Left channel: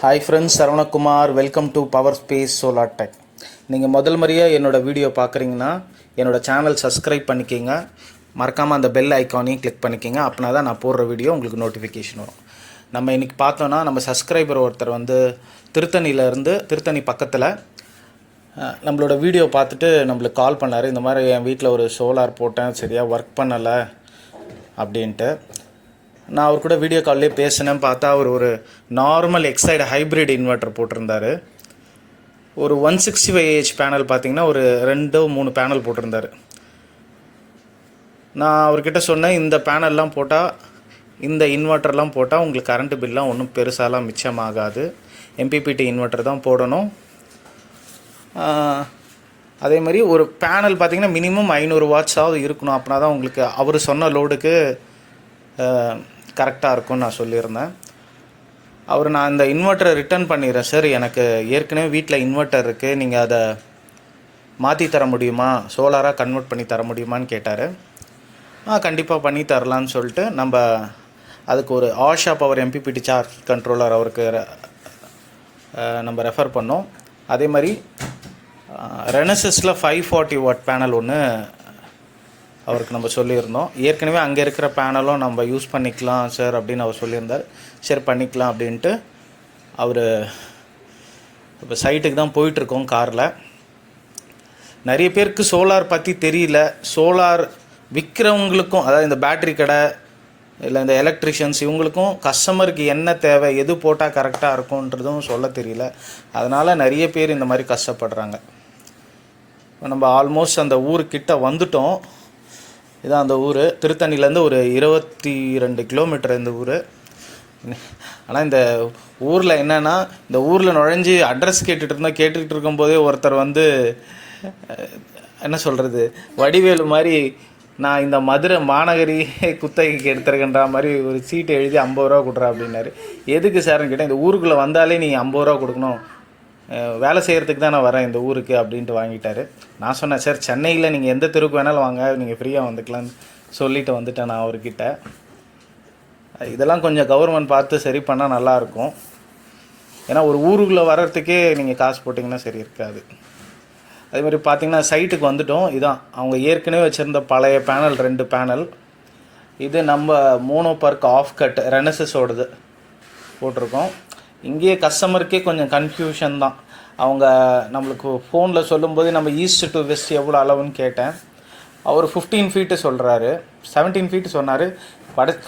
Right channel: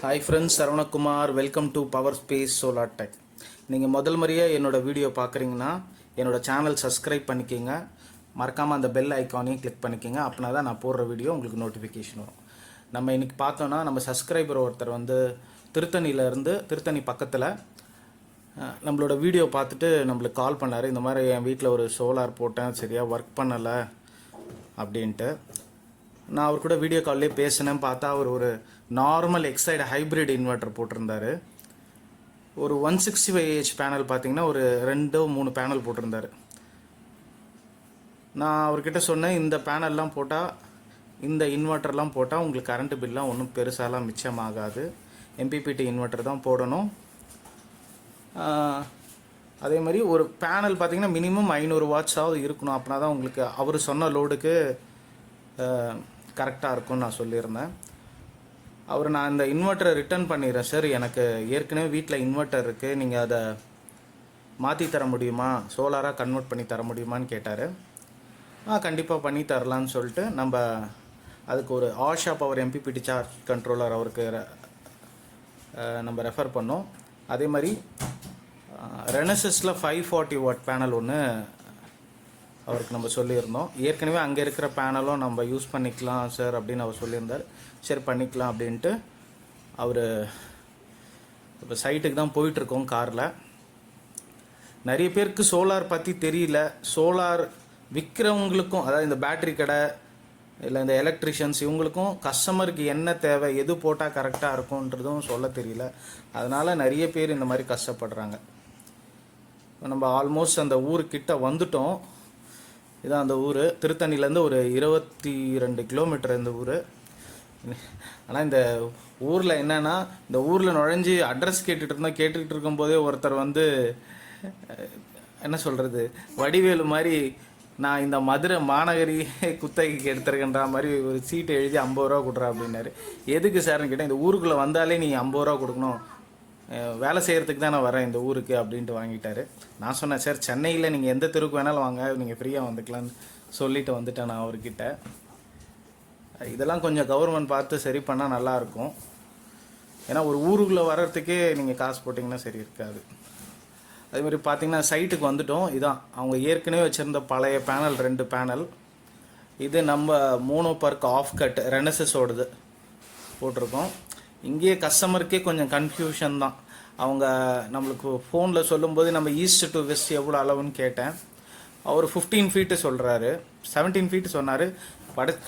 Hi friends, saravanakumar. Welcome to Power Space Solar Tech. நீங்கள் முதல் முறையாக என்னோட வீடியோ பார்க்குறீங்கன்னா என்னோட சேனல் சப்ஸ்கிரைப் பண்ணிக்கிங்க. மறக்காமல் அந்த பெல் ஐக்கானையும் கிளிக் பண்ணிக்கிங்க. அப்படின்னா தான் நான் போடுற வீடியோ உங்களுக்கு நோட்டிஃபிகேஷன் வரும். நம்ம இன்றைக்கி பார்த்தோன்னா நம்ம சப்ஸ்கிரைபர் ஒருத்தர் வந்து திருத்தணி பக்கத்தில் நம்மளோட வீடியோ பார்த்துட்டு நம்மளுக்கு கால் பண்ணார். இந்த மாதிரி என் வீட்டில் ஒரு சோலார் போட்டேன், சரியாக ஒர்க் பண்ணலை அப்படின்ட்டு. நான் அவர் கூட வீடியோ கால்லேயே பேசினேன். பார்த்தா அவர் ஒரு நார்மல் எக்ஸைடு ஹைப்ரிட் இன்வெர்ட்டர் போட்டிருந்தார். ஒரு 165Ah பேனல் பார்த்திங்கன்னா ஒரு 2-3 பேனல் போட்டிருந்தார். நான் அவர்கிட்ட சொன்னேன், இந்த பேனல்லாம் போட்டால், இந்த இன்வெர்ட்டர்லாம் போட்டால் உங்களுக்கு கரண்ட்டு பில்லாம் ஒன்றும் பெருசாலாம் மிச்சமாகாது. mppt இன்வெர்ட்டர் தான் போடணும். அதே மாதிரி ஒரு பேனல் பார்த்திங்கன்னா மினிமம் 500 வாட்ஸாவது இருக்கணும். அப்படின்னா தான் உங்களுக்கு அவர் சொன்ன லோடுக்கு கரெக்டாக இருக்கும்னு நான் சொல்லியிருந்தேன். நான் இந்த இன்வெர்ட்டரை ரிட்டர்ன் பண்ணிடுறேன் சார், எனக்கு ஏற்கனவே வீட்டில் இன்வெர்ட்டர் இருக்குது, நீங்கள் அதை மாற்றி தர முடியுமா, சோலாராக கன்வெர்ட் பண்ணி தர முடியுமான்னு கேட்டார். கண்டிப்பாக பண்ணி தரலான்னு சொல்லிட்டு நம்ம அதுக்கு ஒரு Asha power mppt charge controller அவருக்கு நம்ம ரெஃபர் பண்ணோம். அதே மாதிரி ரெனூசிஸில் 540 வாட் பேனல் ஒன்று அவருக்கு நம்ம சொல்லியிருந்தோம். ஏற்கனவே அங்கே இருக்கிற பேனலும் நம்ம யூஸ் பண்ணிக்கலாம் சார் அப்படின்னு அவர் சொல்லியிருந்தார். சரி பண்ணிக்கலாம் அப்படின்ட்டு அவர் இப்போ சைட்டுக்கு தான் போயிட்டுருக்கோம் காரில். நிறைய பேருக்கு சோலார் பற்றி தெரியல. சோலார் விற்கிறவங்களுக்கும், அதாவது இந்த பேட்ரி கடை இல்லை இந்த எலக்ட்ரிஷியன்ஸ், இவங்களுக்கும் கஸ்டமருக்கு என்ன தேவை, எது போட்டால் கரெக்டாக இருக்கும்ன்றதும் சொல்ல தெரியல. அதனால் நிறைய பேர் இந்த மாதிரி கஷ்டப்படுறாங்க. நம்ம ஆல்மோஸ்ட் அந்த ஊருக்கிட்ட வந்துட்டோம். இதான் அந்த ஊர். திருத்தணிலேருந்து ஒரு 22 கிலோமீட்டர் இந்த ஊர். ஆனால் இந்த ஊரில் என்னென்னா, இந்த ஊரில் நுழைஞ்சி அட்ரஸ் கேட்டுக்கிட்டு இருக்கும்போதே ஒருத்தர் வந்து என்ன சொல்கிறது, வடிவேலு மாதிரி நான் இந்த மதுரை மாநகரி குத்தகைக்கு எடுத்துருக்கேன்ற மாதிரி ஒரு சீட்டை எழுதி 50 ரூபா கொடுறா அப்படின்னாரு. எதுக்கு சார்னு கேட்டேன். இந்த ஊருக்குள்ளே வந்தாலே நீ 50 ரூபா கொடுக்கணும், வேலை செய்கிறதுக்கு தான் நான் வரேன் இந்த ஊருக்கு அப்படின்ட்டு வாங்கிட்டார். நான் சொன்னேன், சார் சென்னையில் நீங்கள் எந்த தெருவுக்கு வேணாலும் வாங்க, நீங்கள் ஃப்ரீயாக வந்துக்கலான்னு சொல்லிவிட்டு வந்துட்டேன் நான் அவர்கிட்ட. இதெல்லாம் கொஞ்சம் கவர்மெண்ட் பார்த்து சரி பண்ணால் நல்லாயிருக்கும். ஏன்னா ஒரு ஊருக்குள்ளே வர்றதுக்கே நீங்கள் காசு போட்டிங்கன்னா சரி இருக்காது. அதேமாதிரி பார்த்திங்கன்னா சைட்டுக்கு வந்துட்டோம். இதான் அவங்க ஏற்கனவே வச்சுருந்த பழைய பேனல் 2 பேனல். இது நம்ம மோனோபர்க் ஆஃப் கட் ரெனூசிஸோடது போட்டிருக்கோம். இங்கேயே கஸ்டமருக்கே கொஞ்சம் கன்ஃபியூஷன் தான். அவங்க நம்மளுக்கு ஃபோனில் சொல்லும்போது நம்ம ஈஸ்ட் டு வெஸ்ட் எவ்வளோ அளவுன்னு கேட்டேன். அவர் 15 ஃபீட்டு சொல்கிறாரு, 17 ஃபீட்டு சொன்னார்.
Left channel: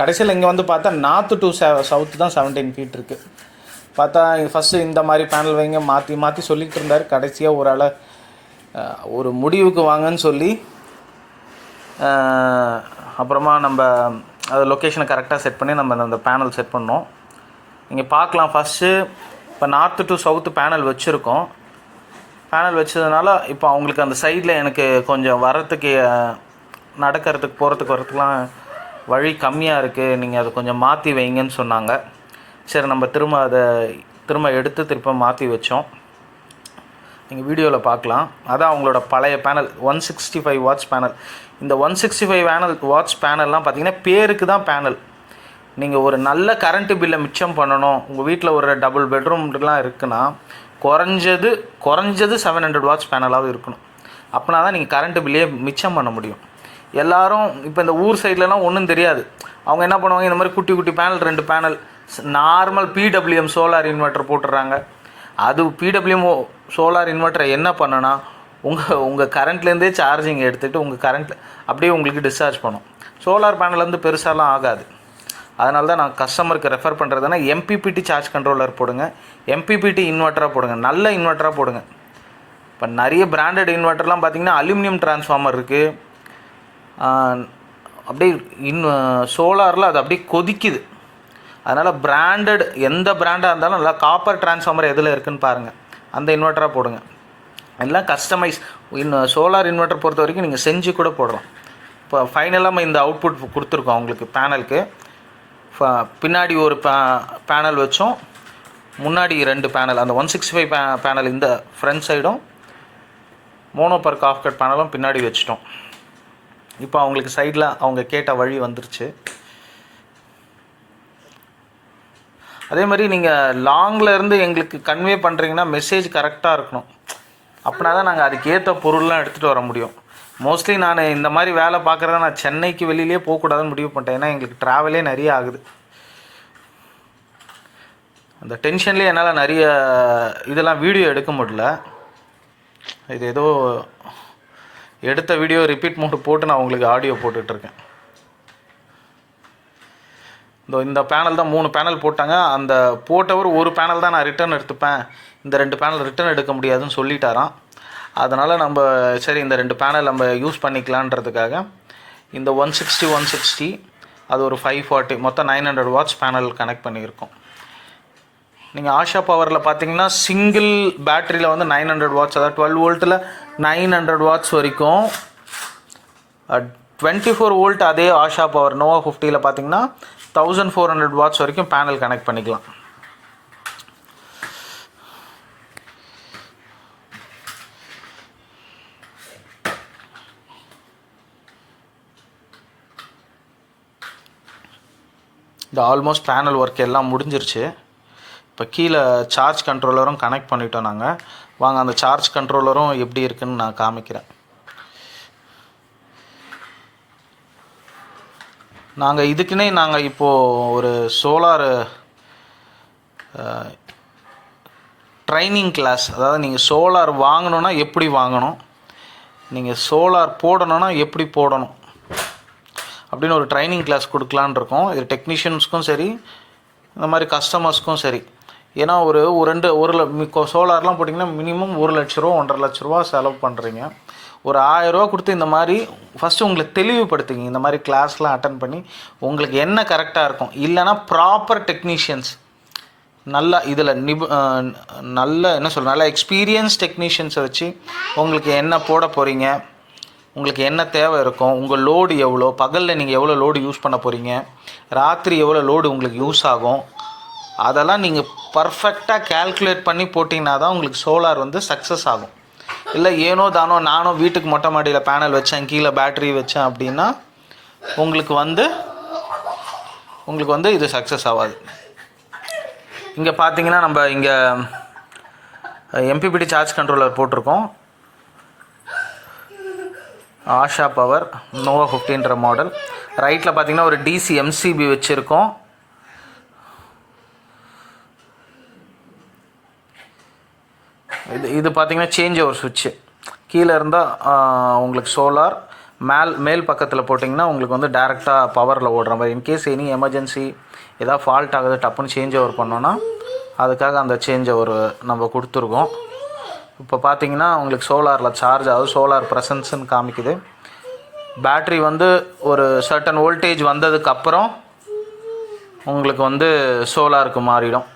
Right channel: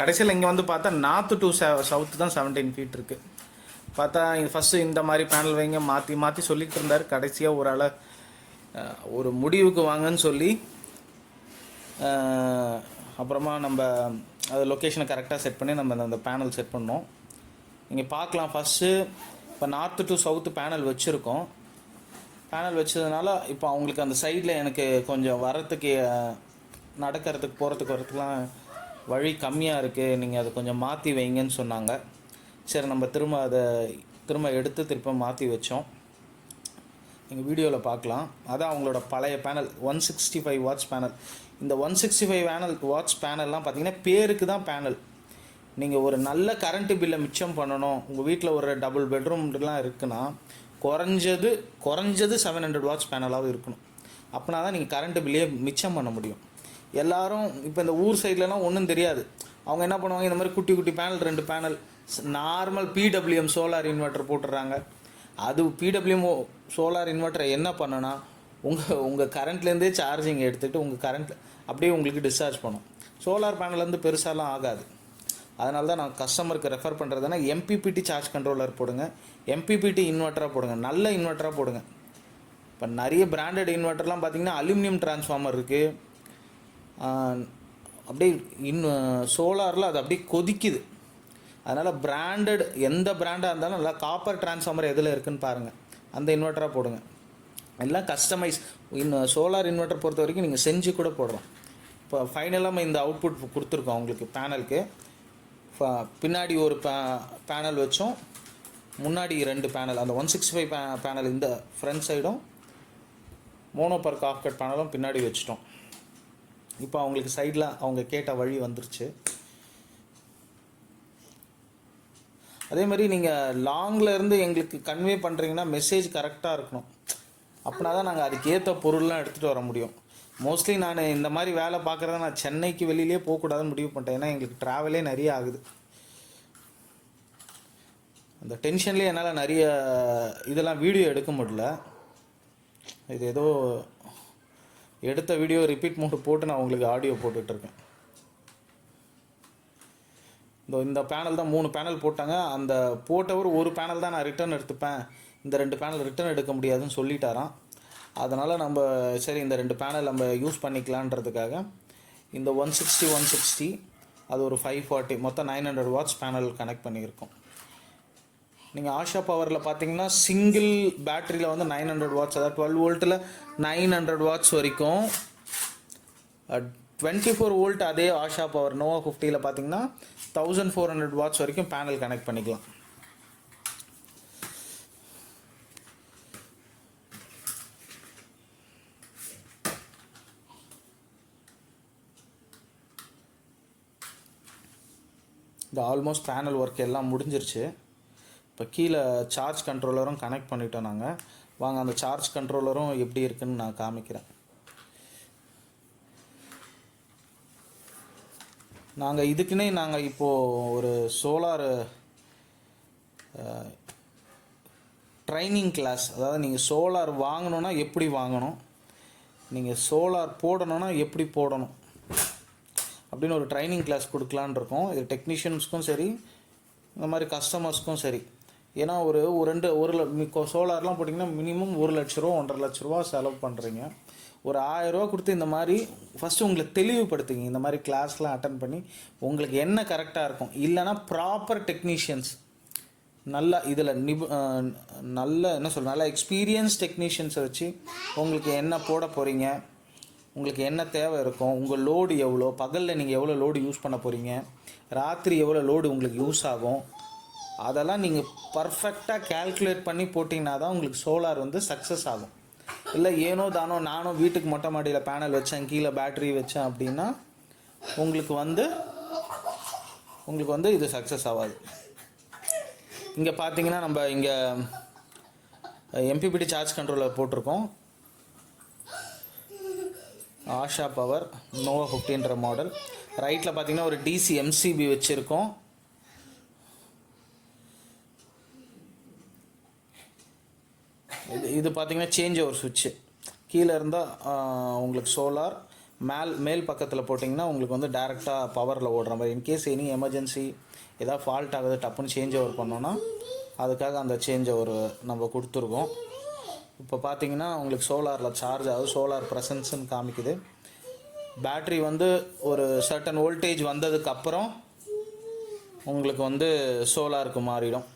கடைசியில் இங்கே வந்து பார்த்தா நார்த்து டு சவுத்து தான் 17 ஃபீட் இருக்குது. பார்த்தா ஃபஸ்ட்டு இந்த மாதிரி பேனல் வைங்க மாற்றி சொல்லிகிட்டு இருந்தார். கடைசியாக ஒரு முடிவுக்கு வாங்கன்னு சொல்லி அப்புறமா நம்ம அது லொக்கேஷனை கரெக்டாக செட் பண்ணி நம்ம அந்த பேனல் செட் பண்ணோம். நீங்கள் பார்க்கலாம், ஃபஸ்ட்டு இப்போ நார்த்து டு சவுத்து பேனல் வச்சுருக்கோம். பேனல் வச்சதுனால இப்போ அவங்களுக்கு அந்த சைடில் எனக்கு கொஞ்சம் வரத்துக்கு, நடக்கிறதுக்கு வரத்துக்குலாம் வழி கம்மியாக இருக்குது, நீங்கள் அதை கொஞ்சம் மாற்றி வைங்கன்னு சொன்னாங்க. சரி நம்ம திரும்ப எடுத்து திரும்ப மாற்றி வச்சோம். நீங்கள் வீடியோவில் பார்க்கலாம். அதான் அவங்களோட பழைய பேனல் 165 வாட்ஸ் பேனல். இந்த 165 வாட்ஸ் பேனல்லாம் பார்த்திங்கன்னா பேருக்கு தான் பேனல். நீங்கள் ஒரு நல்ல கரண்ட்டு பில்லை மிச்சம் பண்ணணும், உங்கள் வீட்டில் ஒரு டபுள் பெட்ரூம்லாம் இருக்குன்னா குறைஞ்சது 700 வாட்ஸ் பேனலாகவும் இருக்கணும். அப்படின்னா தான் நீங்கள் கரண்ட்டு பில்லையே மிச்சம் பண்ண முடியும். எல்லோரும் இப்போ இந்த ஊர் சைட்லலாம் ஒன்றும் தெரியாது. அவங்க என்ன பண்ணுவாங்க, இந்த மாதிரி குட்டி panel 2 panel normal PWM solar inverter போட்டுடுறாங்க. அது PWM சோலார் இன்வெர்ட்டரை என்ன பண்ணுன்னா உங்கள் கரண்ட்லேருந்தே சார்ஜிங் எடுத்துகிட்டு உங்கள் கரண்ட்டில் அப்படியே உங்களுக்கு டிஸ்சார்ஜ் பண்ணும். சோலார் பேனல்லேருந்து பெருசாலாம் ஆகாது. அதனால தான் நான் கஸ்டமருக்கு ரெஃபர் பண்ணுறதுனா mppt சார்ஜ் கண்ட்ரோலர் போடுங்க, mppt இன்வெர்ட்டராக போடுங்க, நல்ல இன்வெர்ட்டராக போடுங்க. இப்போ நிறைய பிராண்டட் இன்வெர்ட்டர்லாம் பார்த்திங்கன்னா அலுமினியம் டிரான்ஸ்ஃபார்மர் இருக்குது. அப்படியே சோலாரில் அது அப்படியே கொதிக்குது. அதனால் பிராண்டட் எந்த பிராண்டாக இருந்தாலும் நல்லா காப்பர் டிரான்ஸ்ஃபார்மர் எதில் இருக்குதுன்னு பாருங்கள், அந்த இன்வெர்ட்டராக போடுங்க. எல்லாம் கஸ்டமைஸ் சோலார் இன்வெர்ட்டர் பொறுத்த வரைக்கும் நீங்கள் செஞ்சு கூட போடலாம். இப்போ ஃபைனலாக நம்ம இந்த அவுட்புட் கொடுத்துருக்கோம் அவங்களுக்கு. பேனலுக்கு பின்னாடி ஒரு பேனல் வச்சோம், முன்னாடி 2 பேனல், அந்த 165 பேனல் இந்த ஃப்ரண்ட் சைடும், மோனோபர்க் ஆஃப் கட் பேனலும் பின்னாடி வச்சிட்டோம். இப்போ அவங்களுக்கு சைடில் அவங்க கேட்ட வழி வந்துருச்சு. அதே மாதிரி நீங்கள் லாங்கில் இருந்து எங்களுக்கு கன்வே பண்ணுறீங்கன்னா மெசேஜ் கரெக்டாக இருக்கணும். அப்படின்னா தான் நாங்கள் அதுக்கேற்ற பொருள்லாம் எடுத்துகிட்டு வர முடியும். மோஸ்ட்லி நான் இந்த மாதிரி வேலை பார்க்குறத நான் சென்னைக்கு வெளியிலே போகக்கூடாதுன்னு முடிவு பண்ணிட்டேன். ஏன்னா எங்களுக்கு ட்ராவலே நிறைய ஆகுது. அந்த டென்ஷன்லேயே என்னால் நிறைய இதெல்லாம் வீடியோ எடுக்க முடியல. இது ஏதோ எடுத்த வீடியோ ரிப்பீட் மோட் போட்டு நான் உங்களுக்கு ஆடியோ போட்டுட்ருக்கேன். இந்த பேனல் தான் 3 பேனல் போட்டாங்க. அந்த போட்டவர் ஒரு பேனல் தான் நான் ரிட்டர்ன் எடுத்துப்பேன், இந்த 2 பேனல் ரிட்டர்ன் எடுக்க முடியாதுன்னு சொல்லிட்டாராம். அதனால் நம்ம சரி இந்த 2 பேனல் நம்ம யூஸ் பண்ணிக்கலான்றதுக்காக இந்த 160 அது ஒரு 540 மொத்தம் 900 வாட்ஸ் பேனல் கனெக்ட் பண்ணியிருக்கோம். நீங்கள் ஆஷா பவரில் பார்த்தீங்கன்னா சிங்கிள் பேட்டரியில் வந்து 900 வாட்ஸ், அதாவது 12 வோல்ட்டில் 900 வாட்ஸ் வரைக்கும், 24 வோல்ட் அதே ஆஷா பவர் நோவா 50ல் பார்த்தீங்கன்னா 1400 வாட்ஸ் வரைக்கும் பேனல் கனெக்ட் பண்ணிக்கலாம். இந்த ஆல்மோஸ்ட் பேனல் ஒர்க் எல்லாம் முடிஞ்சிருச்சு. இப்போ கீழே சார்ஜ் கண்ட்ரோலரும் கனெக்ட் பண்ணிட்டோம் நாங்கள். வாங்க அந்த சார்ஜ் கண்ட்ரோலரும் எப்படி இருக்குன்னு நான் காமிக்கிறேன். நாங்கள் இதுக்குன்னே இப்போது ஒரு சோலார் ட்ரைனிங் கிளாஸ், அதாவது நீங்கள் சோலார் வாங்கணுன்னா எப்படி வாங்கணும், நீங்கள் சோலார் போடணுன்னா எப்படி போடணும் அப்படின்னு ஒரு ட்ரைனிங் கிளாஸ் கொடுக்கலான் இருக்கோம். இது டெக்னீஷியன்ஸ்க்கும் சரி, இந்த மாதிரி கஸ்டமர்ஸ்க்கும் சரி. ஏன்னா ஒரு சோலார்லாம் போட்டிங்கன்னா மினிமம் 1 லட்ச ரூபா 1.5 லட்ச ரூபா செலவு பண்ணுறீங்க. ஒரு 1000 ரூபா கொடுத்து இந்த மாதிரி ஃபஸ்ட்டு உங்களுக்கு தெளிவுபடுத்துங்க. இந்த மாதிரி கிளாஸ்லாம் அட்டன் பண்ணி உங்களுக்கு என்ன கரெக்டாக இருக்கும், இல்லைனா ப்ராப்பர் டெக்னீஷியன்ஸ் நல்லா இதில் நல்ல எக்ஸ்பீரியன்ஸ் டெக்னீஷியன்ஸை வச்சு உங்களுக்கு என்ன போட போகிறீங்க, உங்களுக்கு என்ன தேவை இருக்கும், உங்கள் லோடு எவ்வளோ, பகலில் நீங்கள் எவ்வளோ லோடு யூஸ் பண்ண போகிறீங்க, ராத்திரி எவ்வளோ லோடு உங்களுக்கு யூஸ் ஆகும், அதெல்லாம் நீங்கள் பர்ஃபெக்டாக கேல்குலேட் பண்ணி போட்டிங்கன்னா தான் உங்களுக்கு சோலார் வந்து சக்ஸஸ் ஆகும். இல்லை ஏனோ தானோ நானும் வீட்டுக்கு மொட்டை மாடியில் பேனல் வச்சேன், கீழே பேட்ரி வச்சேன் அப்படின்னா உங்களுக்கு வந்து இது சக்ஸஸ் ஆகாது. இங்கே பார்த்தீங்கன்னா நம்ம இங்கே mppt சார்ஜ் கண்ட்ரோலர் போட்டிருக்கோம். ஆஷா பவர் நோவா 50ன்ற மாடல். ரைட்டில் பார்த்தீங்கன்னா ஒரு DC MCB வச்சுருக்கோம். இது பார்த்தீங்கன்னா சேஞ்ச் ஓவர் சுவிட்சு. கீழே இருந்தால் உங்களுக்கு சோலார், மேல் பக்கத்தில் போட்டிங்கன்னா உங்களுக்கு வந்து டேரெக்டாக பவரில் ஓடுற மாதிரி. இன்கேஸ் எனி எமர்ஜென்சி ஏதாவது ஃபால்ட் ஆகுது, டப்புன்னு சேஞ்ச் ஓவர் பண்ணோன்னா அதுக்காக அந்த சேஞ்ச் ஓவர் நம்ம கொடுத்துருக்கோம். இப்போ பார்த்தீங்கன்னா உங்களுக்கு சோலாரில் சார்ஜ் ஆகுது, சோலார் ப்ரெசன்ஸ்ன்னு காமிக்குது. பேட்ரி வந்து ஒரு சர்டன் வோல்டேஜ் வந்ததுக்கப்புறம் உங்களுக்கு வந்து சோலாருக்கு மாறிடும்.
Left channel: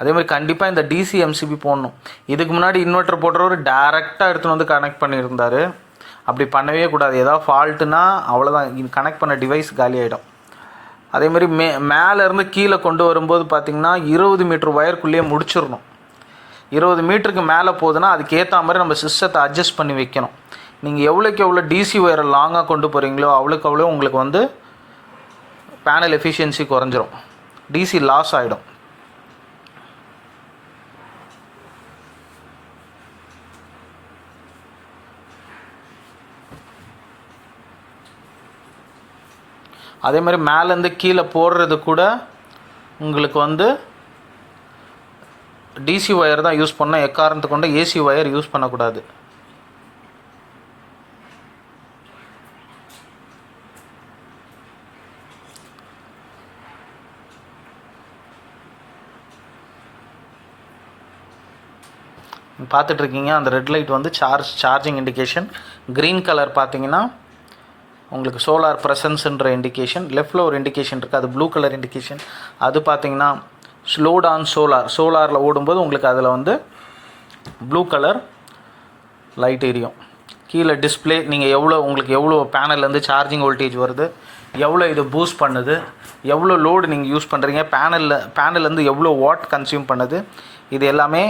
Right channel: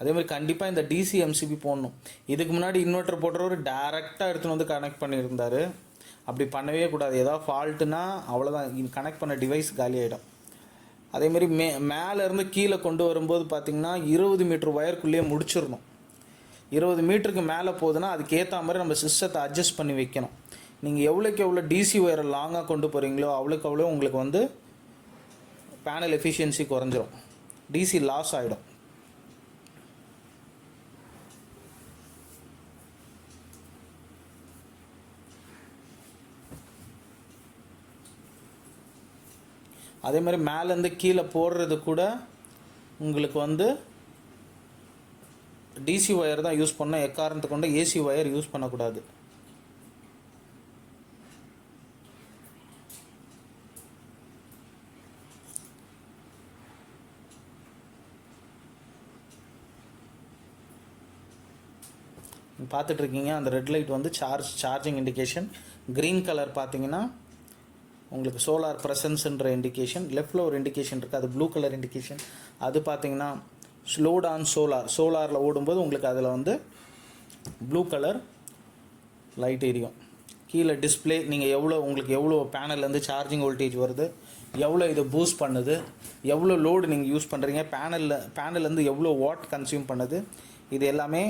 அதே மாதிரி கண்டிப்பாக இந்த DC MCB போடணும். இதுக்கு முன்னாடி இன்வெர்ட்டர் போடுறவர் டேரெக்டாக எடுத்துகிட்டு வந்து கனெக்ட் பண்ணியிருந்தார். அப்படி பண்ணவே கூடாது. ஏதாவது ஃபால்ட்டுனா அவ்வளோதான், கனெக்ட் பண்ண டிவைஸ் காலி ஆகிடும். அதே மாதிரி மேலேருந்து கீழே கொண்டு வரும்போது பார்த்திங்கன்னா 20 மீட்டர் ஒயருக்குள்ளேயே முடிச்சிடணும். 20 மீட்டருக்கு மேலே போகுதுன்னா அதுக்கேற்ற மாதிரி நம்ம சிஸ்டத்தை அட்ஜஸ்ட் பண்ணி வைக்கணும். நீங்கள் எவ்வளோக்கு எவ்வளோ DC ஒயரை லாங்காக கொண்டு போகிறீங்களோ அவ்வளோக்கு அவ்வளோ உங்களுக்கு வந்து பேனல் எஃபிஷியன்சி குறைஞ்சிரும், DC லாஸ் ஆகிடும். அதே மாதிரி மேலேருந்து கீழே போடுறது கூட உங்களுக்கு வந்து DC ஒயர் தான் யூஸ் பண்ணணும். எக்காரணத்துக்கு கொண்டு AC ஒயர் யூஸ் பண்ணக்கூடாது. பார்த்துட்ருக்கீங்க அந்த ரெட் லைட் வந்து சார்ஜிங் இண்டிகேஷன். க்ரீன் கலர் பார்த்தீங்கன்னா உங்களுக்கு சோலார் ப்ரெசன்ஸ்ன்ற இண்டிகேஷன். லெஃப்டில் ஒரு இண்டிகேஷன் இருக்குது, அது ப்ளூ கலர் இண்டிகேஷன். அது பார்த்தீங்கன்னா ஸ்லோட் ஆன் சோலாரில் ஓடும்போது உங்களுக்கு அதில் வந்து ப்ளூ கலர் லைட் எரியும். கீழே டிஸ்பிளே நீங்கள் உங்களுக்கு எவ்வளோ பேனல்லேருந்து சார்ஜிங் வோல்டேஜ் வருது, எவ்வளோ இது பூஸ்ட் பண்ணுது, எவ்வளோ லோடு நீங்கள் யூஸ் பண்ணுறீங்க, பேனல்லேருந்து எவ்வளோ வாட் கன்சியூம் பண்ணுது, இது எல்லாமே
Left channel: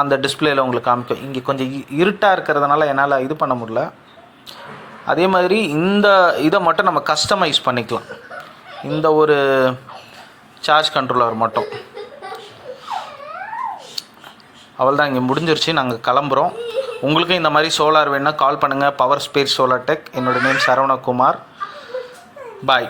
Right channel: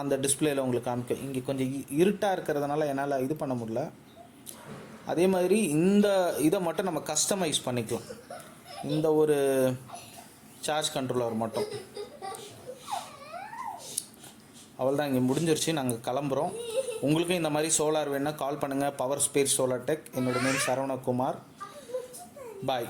அந்த டிஸ்பிளேயில் உங்களுக்கு காமிக்கும். இங்கே கொஞ்சம் இருட்டாக இருக்கிறதுனால என்னால் இது பண்ண முடியல. அதே மாதிரி இந்த இதை மட்டும் நம்ம கஸ்டமைஸ் பண்ணிக்கலாம், இந்த ஒரு சார்ஜ் கண்ட்ரோலர் மட்டும். அவள் தான், இங்கே முடிஞ்சிருச்சு, நாங்கள் கிளம்புறோம். உங்களுக்கும் இந்த மாதிரி சோலார் வேணுன்னா கால் பண்ணுங்கள், பவர் ஸ்பேஸ் சோலார் டெக். என்னோடய நேம் சரவணகுமார். பாய்.